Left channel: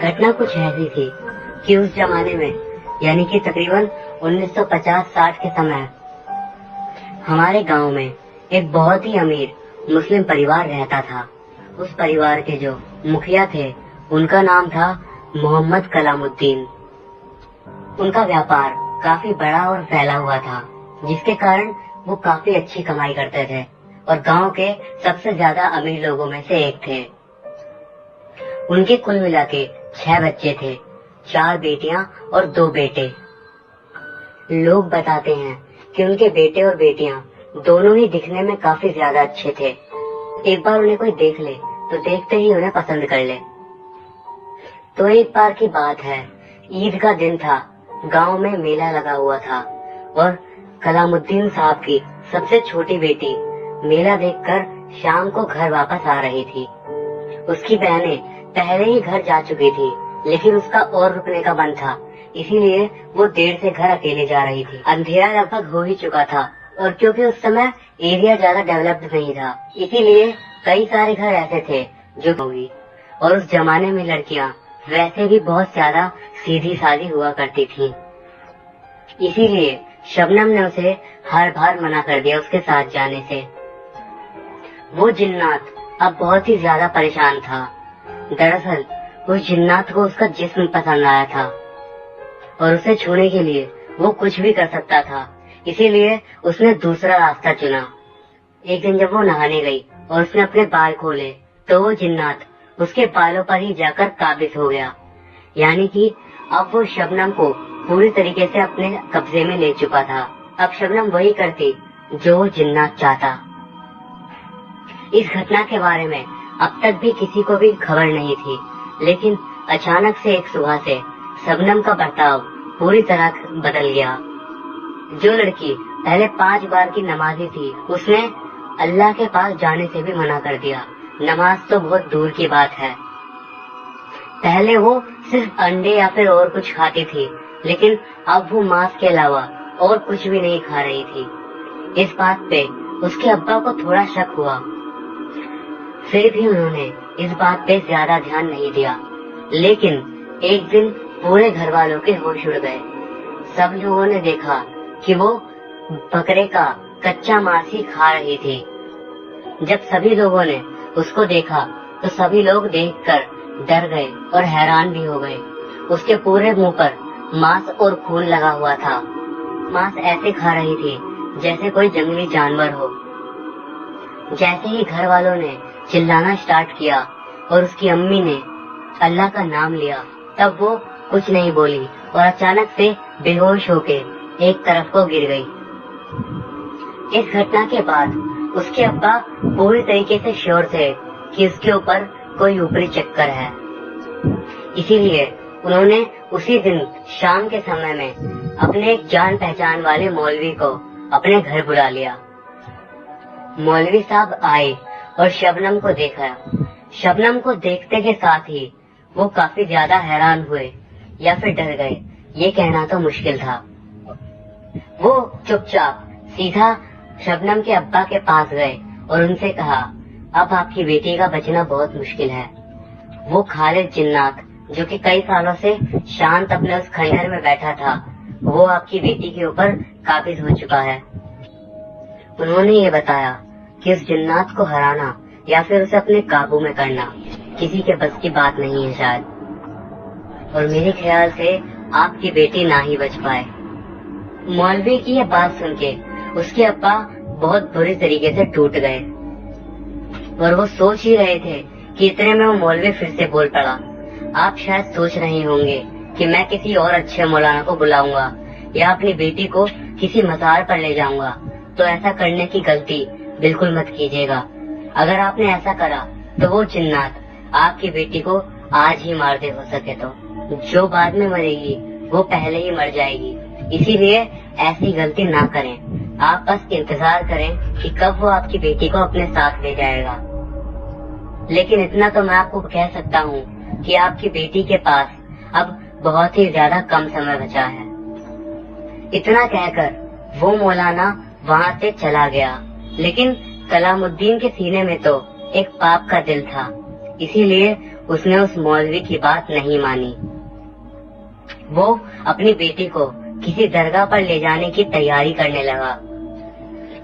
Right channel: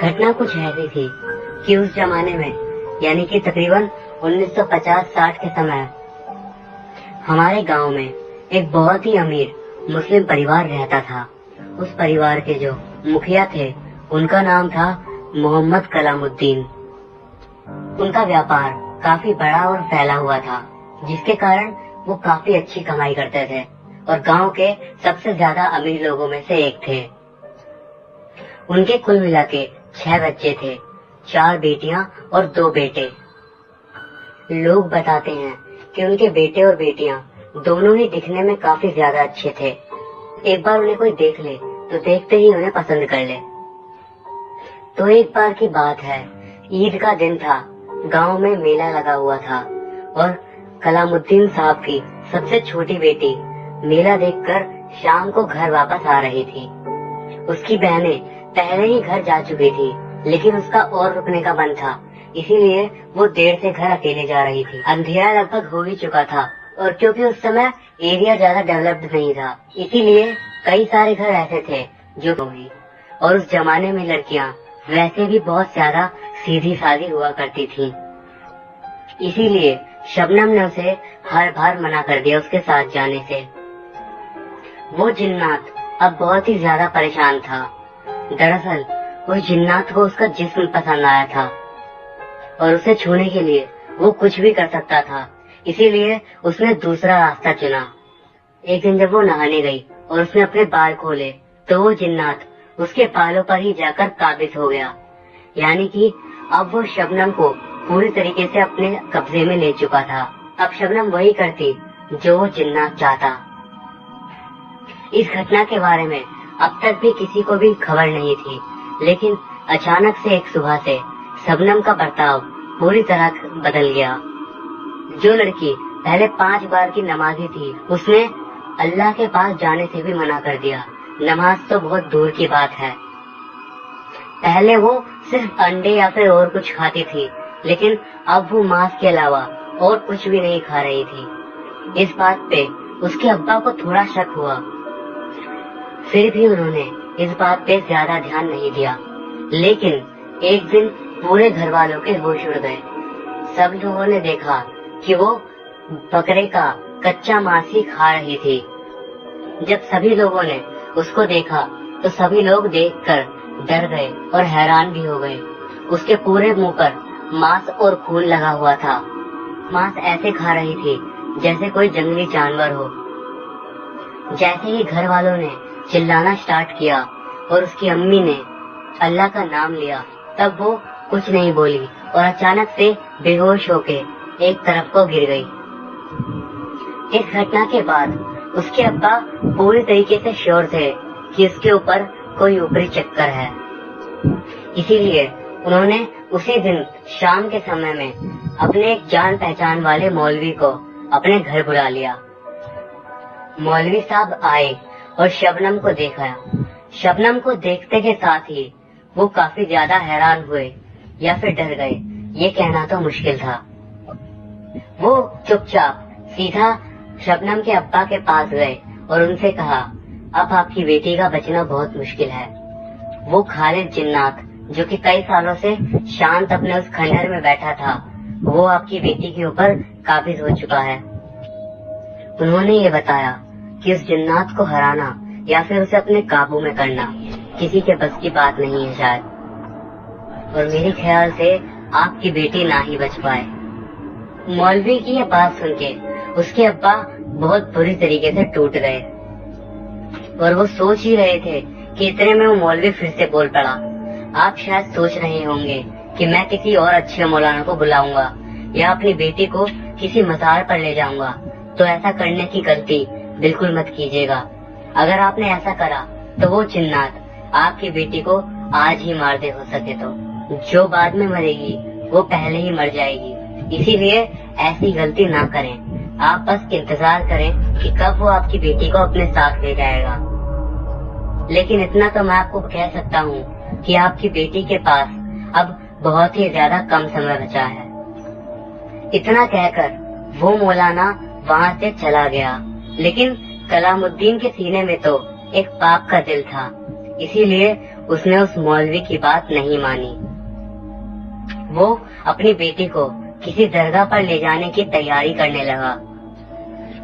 घटना कुछ ऐसी थी कि उस जमाने में यानी कि तकरीबन 1950-60 के समय हमारे गांव में एक बहुत ही अमीर मुस्लिम परिवार रहता था। उस परिवार के जो मुखिया थे उनका नाम था मोहम्मद कलामुद्दीन। उनका व्यापार काफी बड़ा और फैला हुआ था, जिसके कारण वो काफी अच्छी कमाई करते थे और गांव के सबसे ज्यादा अमीर लोगों में से एक थे। उनके कुल मिला के 6 बच्चे थे, 4 बेटियां और 2 बेटे। लोग बताते हैं कि उनके बेटे और बेटियां दोनों ही दिखने में काफी ज्यादा अच्छे थे। एक बार उन्हें कोई देख ले तो देखते ही उन्हें पसंद कर ले। तो एक बार की बात है, ईद का दिन था, गांव में मेला लगा हुआ था और कलामुद्दीन साहब की सबसे छोटी बेटी मेला देखकर शाम को घर वापस आ रही थी। उसकी बहनें पहले ही घर जा चुकी थी, लेकिन उसका और रुकने का मन था, इसीलिए वो देर से घर अकेली जा रही थी। अंधेरा लगभग हो ही चुका था और क्योंकि उस समय एरिया ज्यादा डेवलप्ड नहीं था, इसीलिए कई सारे घर ऐसे थे जो होगी। और उस जमाने में लड़कियां वैसे भी बहुत ज्यादा सीधी सादी हुआ करती थी, इसीलिए शबनम ने उसे हर बार मना कर दिया उसके साथ जाने से। वो जिन्नात अब बहुत ही ज्यादा परेशान था। दरअसल उस जिन्नात को उसका जिस्म पसंद आया था और उसे छूने के लिए वो कुछ भी कर सकता था, इसीलिए उसने दूसरा रास्ता चुना। एक दिन जब वो नहाने गई और उसने अपने बाल खोले तो वो जिन्नात उसके बालों पर ही जाकर काबिज हो गया, यानी कि अब वो शबनम को पूरी तरीके से अपने कब्जे में ले चुका था। अब शबनम वही करती जो वो जिन्नात चाहता। इस घटना के बारे में अब तक भी किसी को भी खबर नहीं थी, लेकिन अचानक से एक सुबह से शबनम का बर्ताव पूरी तरह बदल गया। जो लड़की पहले 5 बार की नमाजी थी, उसने अल्लाह के पास जाने से भी मना कर दिया। नमाज तो बहुत दूर की बात है। पहले वो सिर्फ अंडे या फिर और कुछ खाती थी, लेकिन अब वो मांस के अलावा और कुछ भी नहीं खा रही थी। इस बात पे उसके अब्बा को थोड़ा शक हुआ, फिर भी उन्होंने इस बात पे ज्यादा ध्यान नहीं दिया। लेकिन एक दिन पूरे घर वालों के होश उड़ गए। सब लोगों ने देखा कि वो बकरे का कच्चा मांस ही खा रही थी। जब सभी लोगों ने उसको देखा तो सभी लोग देखकर डर गए और हैरान भी हो गए। उसके पूरे मुंह पर मांस और खून लगा हुआ था। मांस ऐसे खा रही थी जैसे कोई जंगली जानवर हो। जैसे ही घर वालों ने चिल्लाना स्टार्ट किया और उसकी अम्मी ने अल्लाह का नाम लिया, तब वो कुछ नहीं बोली और अचानक से बेहोश होके एक तरफ को गिर गई। इस घटना के बाद उसके अब्बा पूरी तरीके से श्योर थे कि उसके ऊपर कोई ऊपरी चक्कर है, इसीलिए उन्होंने उसी दिन शाम के समय में अपने एक जान पहचान वाले मौलवी को अपने घर बुला लिया। मौलवी साहब आए और शबनम को देखा। शबनम को देखते के साथ ही वो काफी ज्यादा हैरान हुए या फिर डर गए, ये कहना तो मुश्किल था। वो चुपचाप सीधा शबनम के अब्बा के पास गए और उनसे कहा, अब आपकी बेटी का बचना बहुत मुश्किल है। वो खालिद जिन्नात जो कि कई सालों से शांत अपने उस खंडहर में बैठा था, वो आपकी बेटी के ऊपर काबिज हो चुका है। उन्होंने ये बताया कि उस जिन्नात को हराना या फिर उसे अपने काबू में करना किसी के बस की बात नहीं है शायद, और मेरे ख्याल से आपकी बेटी ना ही बच पाए। मौलवी की ये बात सुन के उसके अब्बा बहुत बुरी तरीके से टूट गए और वो सोच ही रहे थे कि इतने में वो मौलवी फिर से बोल पड़ा। आप शायद सोच रहे होंगे कि मैं किसी और अच्छे मौलाना को बुलाऊंगा या अपनी बेटी को किसी मज़ार पर ले जाऊंगा, तो ऐसा करने की गलती बिल्कुल मत कीजिएगा। अगर आपने ऐसा करा तो वो जिन्नात आपकी बेटी को आज ही मार दे, हो सके तो। जो बाद में मरेगी वो पहले ही मर जाएगी, इसीलिए ऐसी गलती ना करें। आप बस इंतजार करें कि कब वो आपकी बेटी को अपने साथ ले जाएगा। लेकिन इतना तो मैं आपको कह सकता हूँ कि आपकी बेटी के पास अब बहुत ही ज्यादा कम समय बचा है। इतना कहकर वो मौलाना वहाँ से चला गया, लेकिन कलामुद्दीन के सीने में तो एक पाप का दिल था, इसीलिए उसने उस मौलवी की बात नहीं मानी। वो अपनी बेटी को किसी दरगाह पर ले जाने की तैयारी करने लगा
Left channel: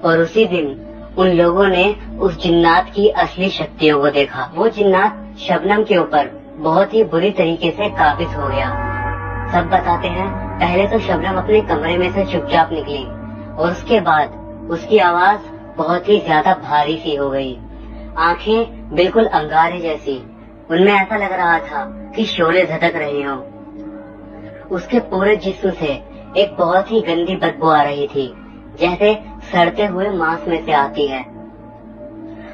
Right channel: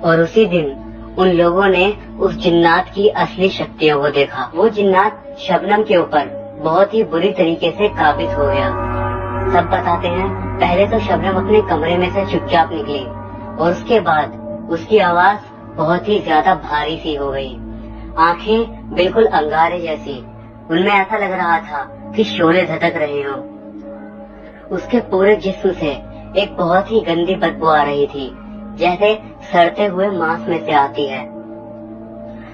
और उसी दिन उन लोगों ने उस जिन्नात की असली शक्तियों को देखा। वो जिन्नात शबनम के ऊपर बहुत ही बुरी तरीके से काबिज हो गया। सब बताते हैं पहले तो शबनम अपने कमरे में से चुपचाप निकली और उसके बाद उसकी आवाज बहुत ही ज्यादा भारी सी हो गई। आंखें बिल्कुल अंगारे जैसी, उनमें ऐसा लग रहा था कि शोले झटक रहे हो। उसके पूरे जिस्म से एक बहुत ही गंदी बदबू आ रही थी, जैसे सड़ते हुए मांस में से आती है।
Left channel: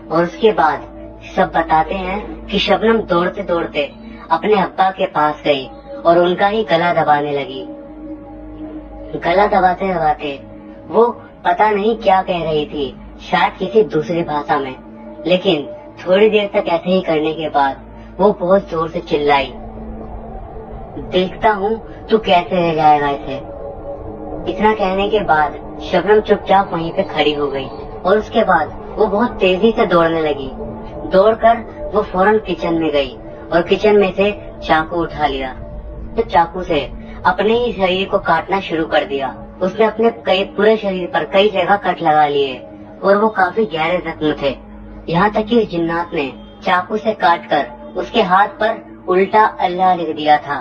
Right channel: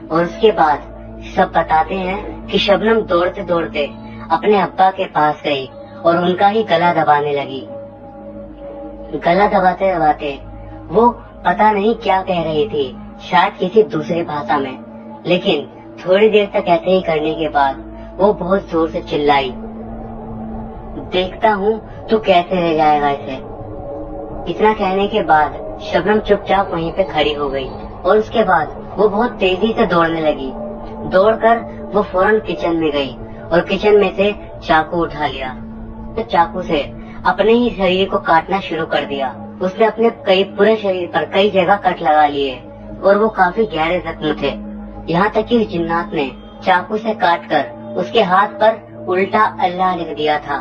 और उसके बाद सब बताते हैं कि शबनम दौड़ते दौड़ते अपने अब्बा के पास गई और उनका ही गला दबाने लगी। गला दबाते दबाते वो पता नहीं क्या कह रही थी, शायद किसी दूसरी भाषा में, लेकिन थोड़ी देर तक ऐसे ही करने के बाद वो बहुत जोर से चिल्लाई, देखता हूँ तू कैसे ले जाएगा इसे। इतना कहने के बाद शबनम चुपचाप वहीं पे खड़ी हो गई और उसके बाद वो बहुत तेजी से दौड़ने लगी। दौड़कर वो फौरन किचन में गई और किचन में से चाकू उठा लिया। तो चाकू से अपने ही शरीर को काटना शुरू कर दिया। उसने अपने पूरे शरीर पर कई जगह कट लगा लिए और वो काफी गहरे जख्म थे। यहाँ तक कि उस जिन्नात ने चाकू से काटकर उसके हाथ पर उल्टा अल्लाह लिख दिया था।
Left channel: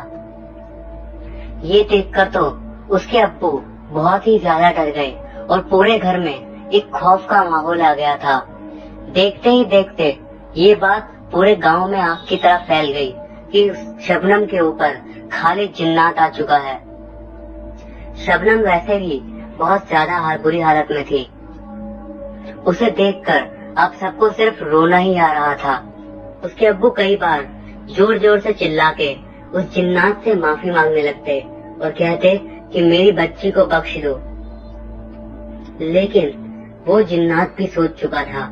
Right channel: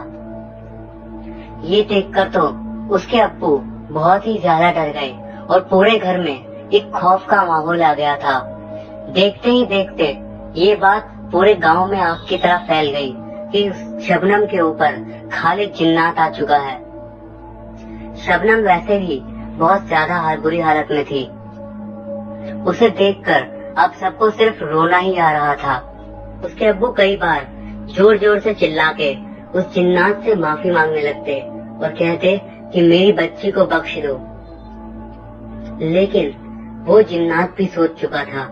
ये देखकर तो उसके अब्बू बहुत ही ज्यादा डर गए और पूरे घर में एक खौफ का माहौल आ गया था। देखते ही देखते ये बात पूरे गांव में आग की तरह फैल गई कि शबनम के ऊपर खालिद जिन्नात आ चुका है। शबनम वैसे भी बहुत ज्यादा बुरी हालत में थी। उसे देखकर अब सबको सिर्फ रोना ही आ रहा था। उसके अब्बू कई बार जोर जोर से चिल्ला के उस जिन्नात से माफी मांगने लगते और कहते कि मेरी बच्ची को बख्श दो, लेकिन वो जिन्नात भी सोच चुका था।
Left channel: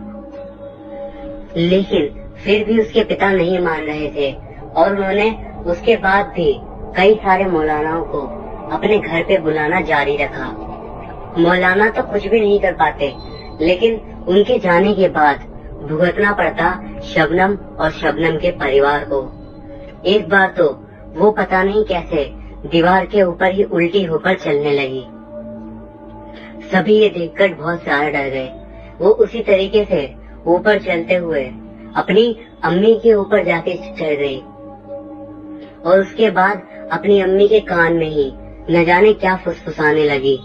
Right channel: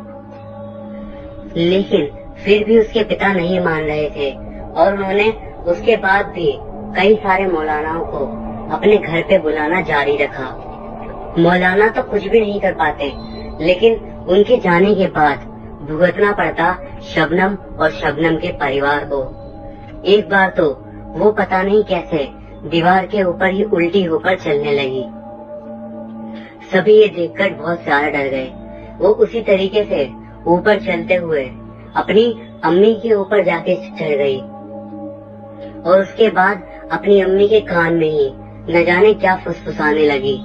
लेकिन फिर भी उसके पिता नहीं मान रहे थे और उन्होंने उसके बाद भी कई सारे मौलानाओं को अपने घर पे बुलाना जारी रखा। मौलाना तो कुछ भी नहीं कर पाते, लेकिन उनके जाने के बाद भुगतना पड़ता शबनम और शबनम के परिवार को। एक बार तो वो पता नहीं कैसे दीवार के ऊपर ही उल्टी होकर चलने लगी। सभी ये देखकर बहुत ज्यादा डर गए। वो उसी तरीके से ऊपर चलते हुए अपनी अम्मी के ऊपर जाके चढ़ गई और उसके बाद अपनी अम्मी के कान में ही न जाने क्या फुसफुसाने लगी।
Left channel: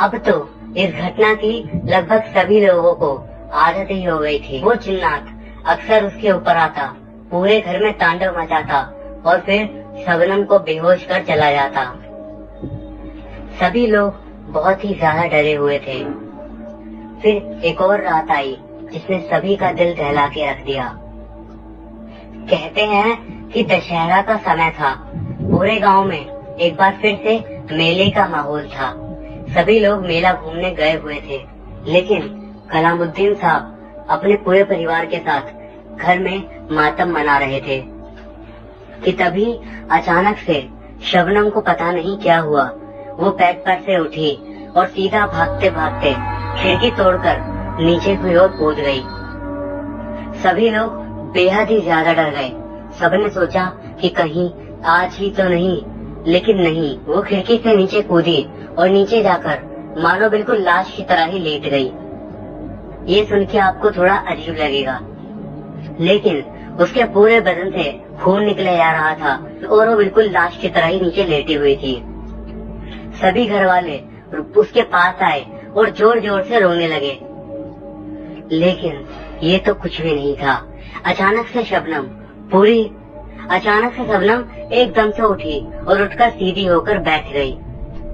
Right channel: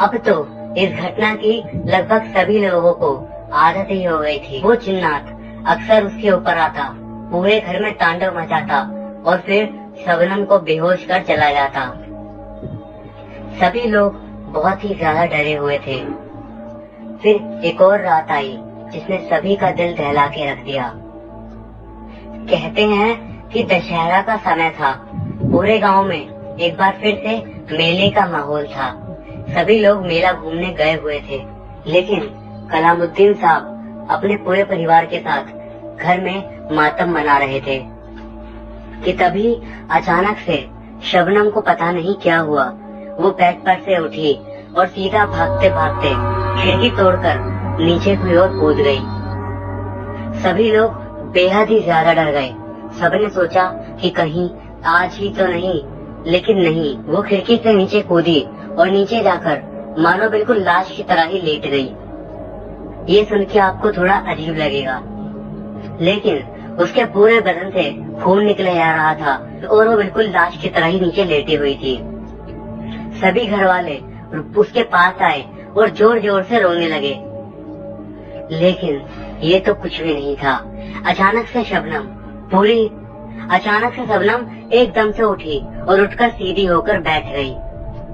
अब तो इस घटना की लगभग सभी लोगों को आदत ही हो गई थी। वो जिन्नात अक्सर उसके ऊपर आता, पूरे घर में तांडव मचाता और फिर शबनम को बेहोश कर चला जाता। सभी लोग बहुत ही ज्यादा डरे हुए थे। फिर एक और रात आई जिसने सभी का दिल दहला के रख दिया। कहते हैं कि दशहरा का समय था। पूरे गांव में एक बार फिर से मेले का माहौल था। सभी लोग मेला घूमने गए हुए थे, लेकिन कलामुद्दीन साहब अपने पूरे परिवार के साथ घर में मातम मना रहे थे कि तभी अचानक से शबनम को पता नहीं क्या हुआ। वो बेड पर से उठी और सीधा भागते भागते खिड़की तोड़कर नीचे की ओर कूद गई। सभी लोग बेहद ही ज्यादा डर गए। सबने सोचा कि कहीं आज ही तो नहीं, लेकिन नहीं, वो खिड़की से नीचे कूदी और नीचे जाकर मानो बिल्कुल लाश की तरह ही लेट गई। ये सुन के आपको थोड़ा अजीब लगेगा, लेकिन उसके पूरे बदन से खून निकले जा रहा था और वो बिल्कुल लाश की तरह ही नीचे लेटी हुई थी। सभी घर वाले उसके पास आए और जोर जोर से रोने लगे, लेकिन ये तो कुछ भी नहीं था। अचानक से शबनम एकदम से उठी और उठकर सीधी होकर बैठ गई।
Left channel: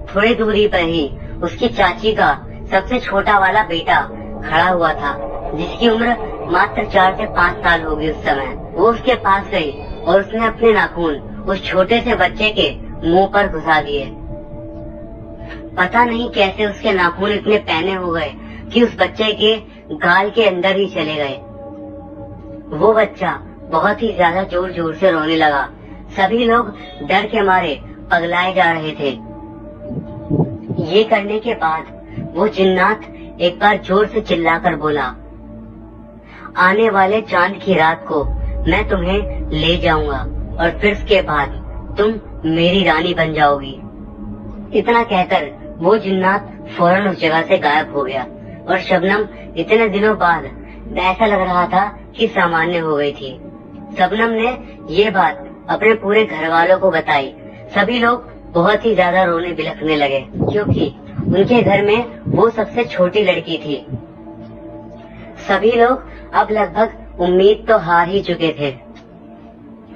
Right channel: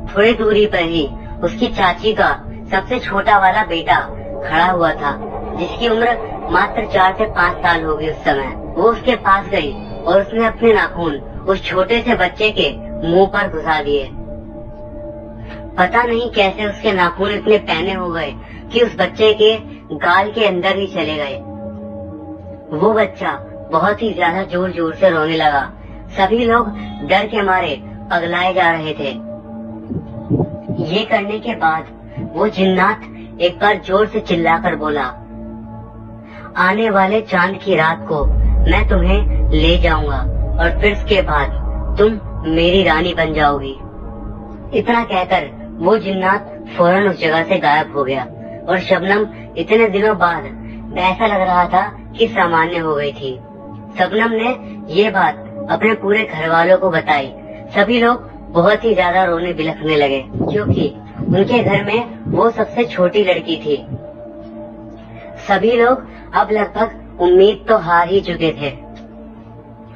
थोड़ी दूरी पर ही उसकी चाची का सबसे छोटा वाला बेटा खड़ा हुआ था, जिसकी उम्र मात्र 4 से 5 साल होगी उस समय। वो उसके पास गई और उसने अपने नाखून उस छोटे से बच्चे के मुंह पर घुसा दिए। पता नहीं कैसे उसके नाखून इतने पैने हो गए कि उस बच्चे के गाल के अंदर ही चले गए। वो बच्चा बहुत ही ज्यादा जोर जोर से रोने लगा। सभी लोग डर के मारे पगलाए जा रहे थे। ये करने के बाद वो जिन्नात एक बार जोर से चिल्लाकर बोला, आने वाले चांद की रात को मैं तुम्हें ले जाऊंगा और फिर उसके बाद तुम मेरी रानी बन जाओगी। इतना कहकर वो जिन्नात फौरन उस जगह से गायब हो गया और शबनम इतने दिनों बाद ऐसा लग रहा था कि सामान्य हो गई थी। शबनम ने ये बात अपने पूरे घर वालों को बताई। सभी लोग बहुत ही ज्यादा रोने बिलखने लगे, क्योंकि उनके घर में वो सबसे छोटी लड़की थी। सभी लोग अब लगभग उम्मीद तो हार ही चुके थे,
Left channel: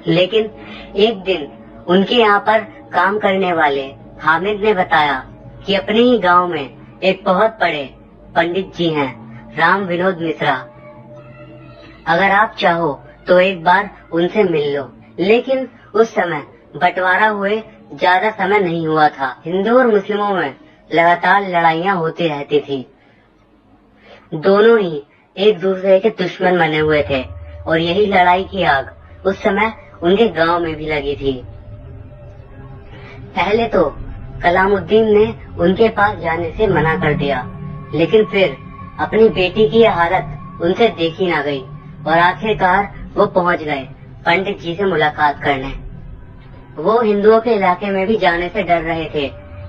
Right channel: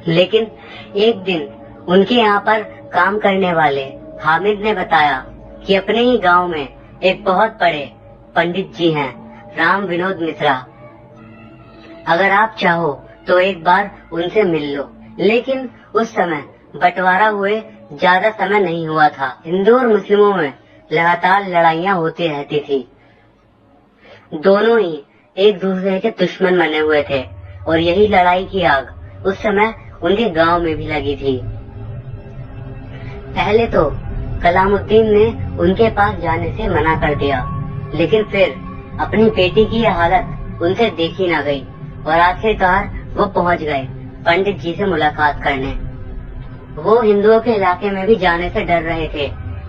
लेकिन एक दिन उनके यहाँ पर काम करने वाले हामिद ने बताया कि अपने ही गांव में एक बहुत बड़े पंडित जी हैं, राम विनोद मिश्रा। अगर आप चाहो तो एक बार उनसे मिल लो। लेकिन उस समय बंटवारा हुए ज्यादा समय नहीं हुआ था। हिंदू और मुस्लिमों में लगातार लड़ाइयाँ होती रहती थी। दोनों ही एक दूसरे के दुश्मन बने हुए थे और यही लड़ाई की आग उस समय उनके गांव में भी लगी थी। पहले तो कलामुद्दीन ने उनके पास जाने से मना कर दिया, लेकिन फिर अपनी बेटी की हालत उनसे देखी ना गई और आखिरकार वो पहुंच गए पंडित जी से मुलाकात करने। वो हिंदुओं के इलाके में भी जाने से डर रहे थे,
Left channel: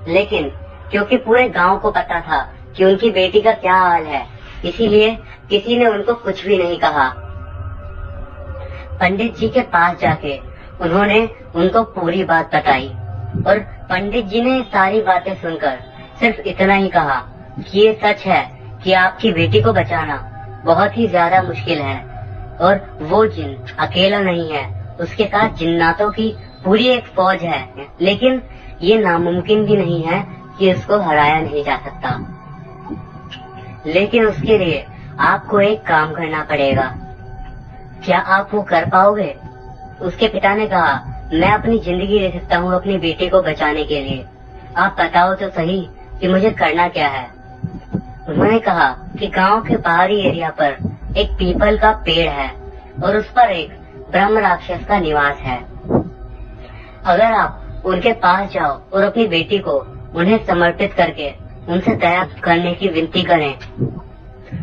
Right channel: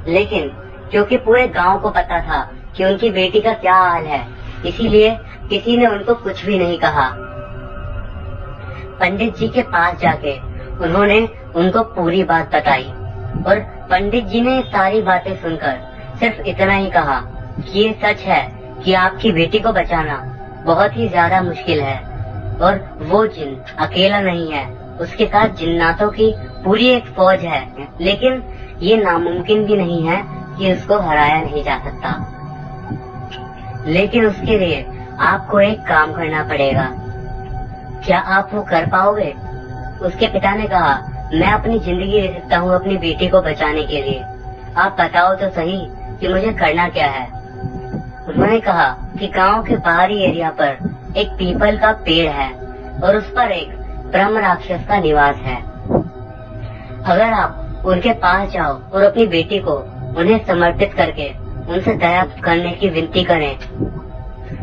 लेकिन क्योंकि पूरे गांव को पता था कि उनकी बेटी का क्या हाल है, इसीलिए किसी ने उनको कुछ भी नहीं कहा। पंडित जी के पास जाके उन्होंने उनको पूरी बात बताई और पंडित जी ने सारी बातें सुनकर सिर्फ इतना ही कहा कि ये सच है कि आपकी बेटी को बचाना बहुत ही ज्यादा मुश्किल है और वो जिन अकेला नहीं है, उसके साथ जिन्नातों की पूरी एक फौज है, लेकिन ये नामुमकिन भी नहीं है कि उसको हराया नहीं जा सकता। लेकिन उसके लिए आपको एक काम करना पड़ेगा। क्या आप वो कर पाओगे? उसके पिता ने कहा, मैं अपनी जिंदगी दे सकता हूँ अपनी बेटी को बचाने के लिए। आप बताओ तो सही कि मुझे करना क्या है। उन्होंने कहा कि गांव के बाहरी एरिया पर एक पीपल का पेड़ है और उस पर एक ब्रह्म राक्षस का निवास है। अगर आप उनके पास जाओ और अपनी बेटी को उन्हें समर्पित करके उनसे दया करने की विनती करें,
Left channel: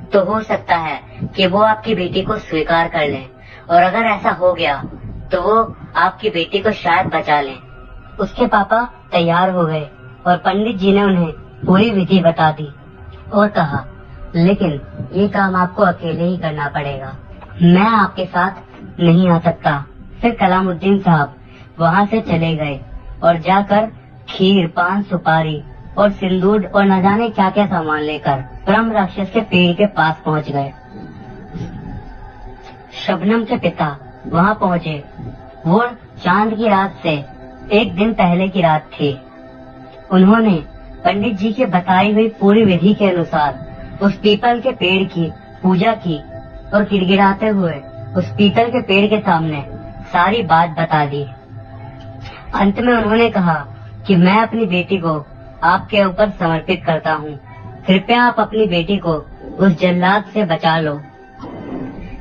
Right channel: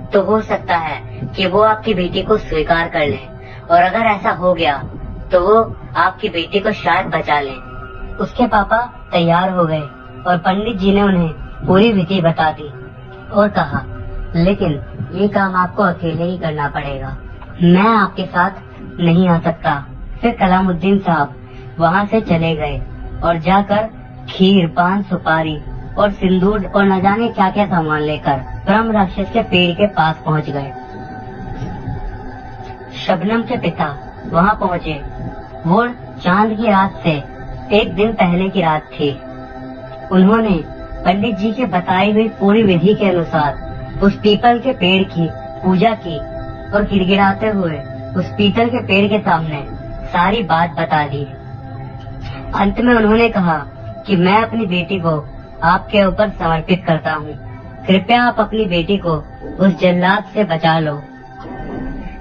तो हो सकता है कि वो आपकी बेटी को स्वीकार कर लें, और अगर ऐसा हो गया तो वो आपकी बेटी को शायद बचा लें। उसके पापा तैयार हो गए और पंडित जी ने उन्हें पूरी विधि बता दी और कहा, लेकिन ये काम आपको अकेले ही करना पड़ेगा, मैं आपके साथ नहीं आ सकता। फिर कलामुद्दीन साहब वहाँ से चले गए और जाकर खीर, पान, सुपारी और सिंदूर और न जाने क्या क्या सामान लेकर ब्रह्म राक्षस के पेड़ के पास पहुँच गए। शबनम के पिता वहाँ पहुँचे। वो चांद की रात से एक दिन पहले की रात थी। उन्होंने पंडित जी के बताई गई पूरी विधि के अनुसार उस पीपल के पेड़ की पूजा की और गिड़गिड़ाते हुए उस पीपल के पेड़ के सामने सारी बात बता दी। अंत में उन्होंने कहा कि मैं अपनी बेटी को आपके ऊपर समर्पित करता हूँ, कृपया आप अपनी बेटी को उस जल्लाद से बचा लो,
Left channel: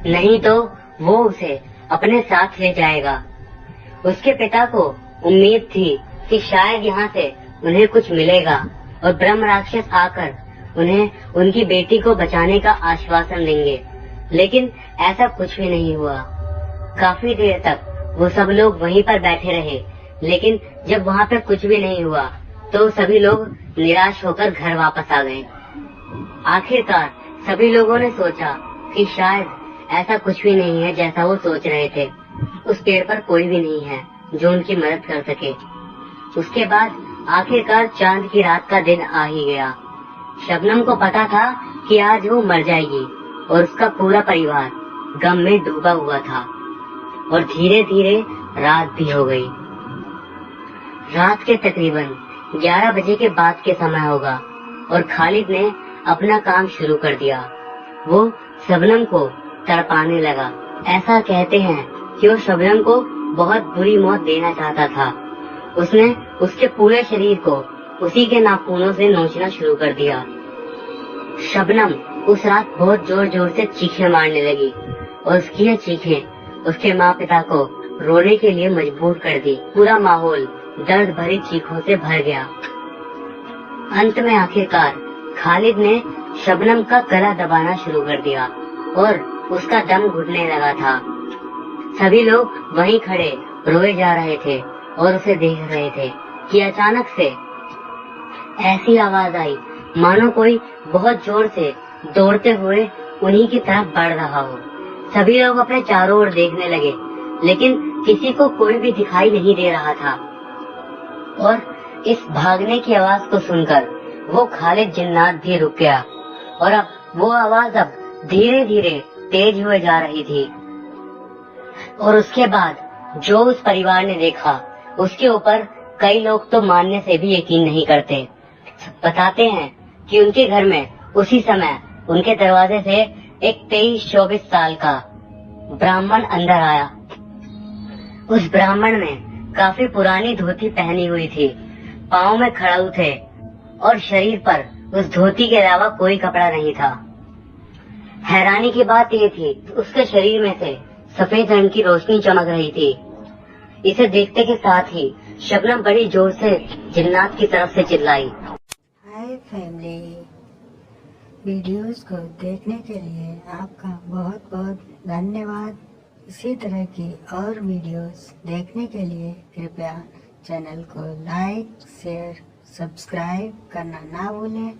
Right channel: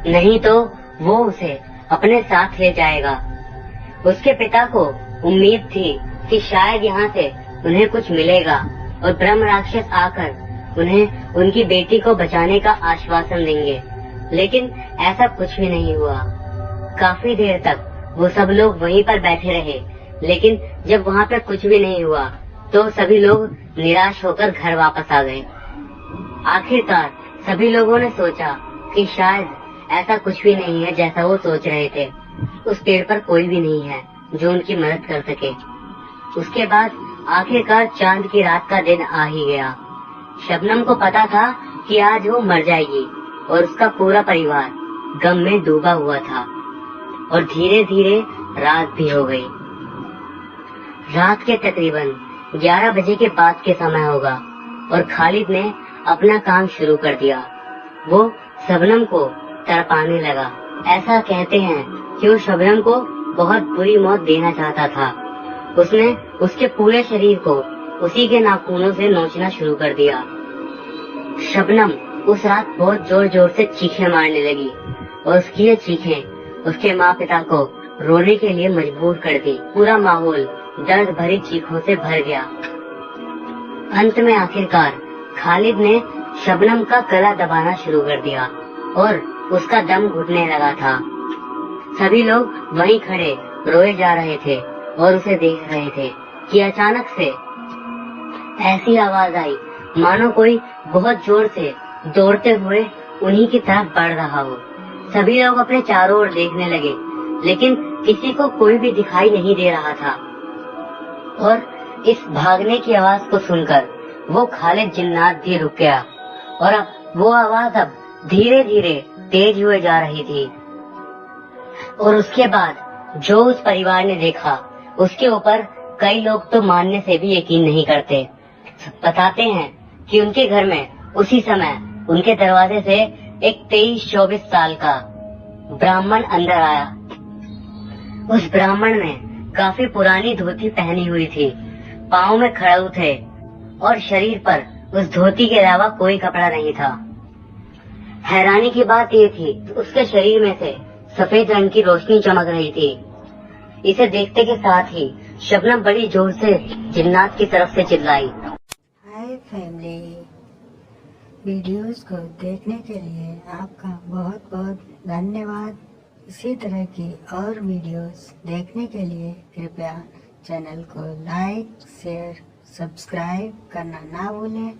नहीं तो वो उसे अपने साथ ले जाएगा। उसके पिता को उम्मीद थी कि शायद यहाँ से उन्हें कुछ मिलेगा और ब्रह्म राक्षस आकर उन्हें उनकी बेटी को बचाने का आश्वासन देंगे, लेकिन ऐसा कुछ भी नहीं हुआ। काफी देर तक वो सब लोग वहीं पर बैठे रहे, लेकिन जब वहाँ पर कुछ भी नहीं हुआ तो सभी लोग निराश होकर घर वापस आ गए। आखिरकार सभी लोगों ने सोचा कि शायद ऐसा कुछ भी नहीं है जैसा वो सोच रहे थे। उस पेड़ पर कोई भी नहीं है जो उनकी मदद कर सके। उसके बाद आखिरकार चांद की रात का दिन आ ही गया। शबनम को पता था कि आज वो मर जाएगी और उसका पूरा परिवार गम में डूबा हुआ था और धीरे धीरे रात भी हो गई। रात के तकरीबन 11 बजे के बाद के समय होगा और खालिद ने अपना काम शुरू कर दिया। वो शबनम को तड़पाने लगा। ऐसा कहते हैं कि वो शबनम को बहुत बुरी मौत देना चाहता था। उसने उसके पूरे शरीर को उसी के नाखूनों से नोचना शुरू कर दिया। शबनम उस रात बहुत जोर जोर से चीखें मारने लगी और उसकी ये चीखें उसके माँ पिता को रोने के लिए मजबूर कर दी। पूरा माहौल दर्द भरी चीखों से भर गया। अंत में आखिरकार खालिद ने शबनम का गला दबाना शुरू कर दिया और उसका दम घुटने लगा था। सभी लोग वहीं खड़े रोए जा रहे थे और उसे देख रहे थे कि अचानक से ऐसी आवाज आई मानो कोई बहुत जोर से दौड़ते हुए उन्हीं की तरफ बढ़ रहा हो। सभी लोग अपने चारों ओर देखने लगे, लेकिन किसी को कोई भी दिखाई नहीं दे रहा था। और इस भागने की आवाज को सुनकर वो खालिद जिन्नात भी रुक गया और वो आवाज अब धीरे धीरे तेज हुए जा रही थी। और उसके बाद जो उस परिवार ने देखा उसके ऊपर कई लोग तो मानने से भी यकीन नहीं करते। बताते हैं कि उनके घर में उसी समय उनके दरवाजे से एक 23-24 साल का ब्राह्मण अंदर आया। उस ब्राह्मण ने काफी पुरानी धोती पहनी हुई थी, पाँव में खड़ाऊ थे और शरीर पर उस धोती के अलावा कोई कपड़ा नहीं था। हैरानी की बात यह थी उसके शरीर में से सफेद रंग की रोशनी चमक रही थी। इसे देखते के साथ ही शबनम बड़ी जोर से जिन्नात की तरफ से चिल्लाई। हाय फैमिली, वीडियोस को देखने के लिए आपका बहुत बहुत धन्यवाद। इसी तरह की और वीडियोस देखने के लिए कृपया चैनल को लाइक, शेयर, सब्सक्राइब करना ना भूलें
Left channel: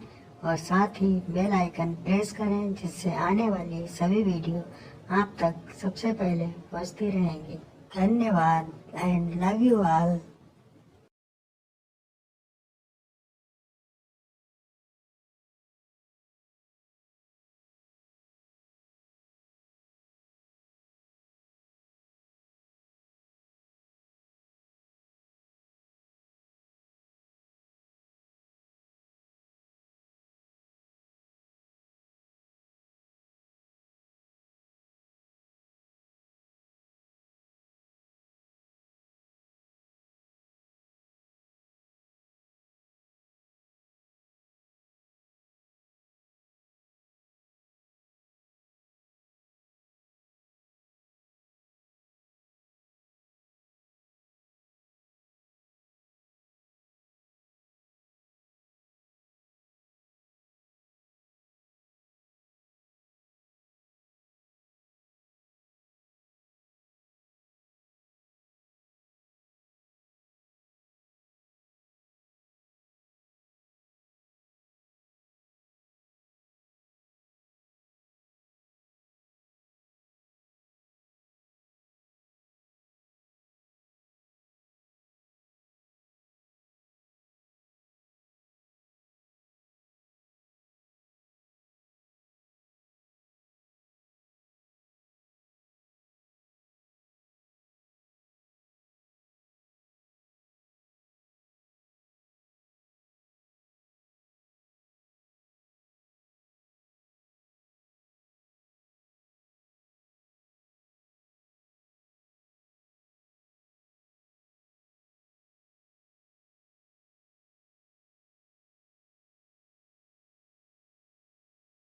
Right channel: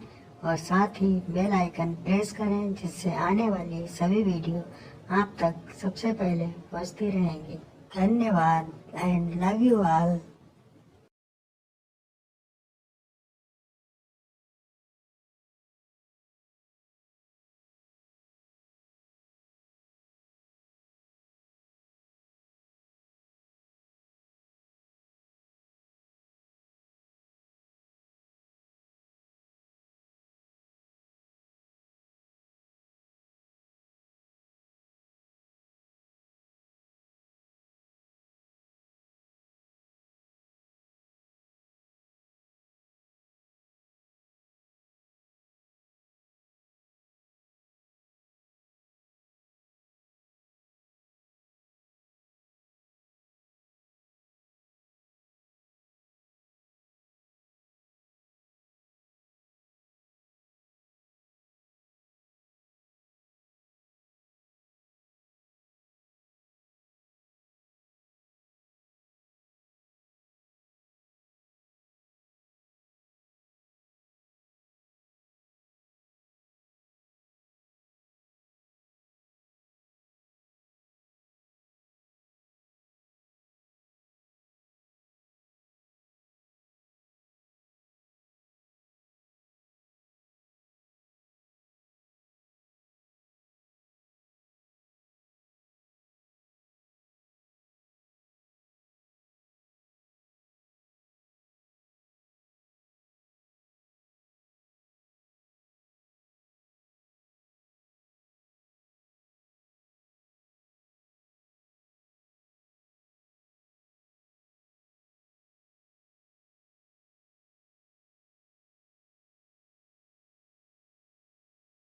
और साथ ही बेल आइकन प्रेस करें, जिससे आने वाली सभी वीडियो आप तक सबसे पहले पहुंचती रहेंगी। धन्यवाद एंड लव यू ऑल।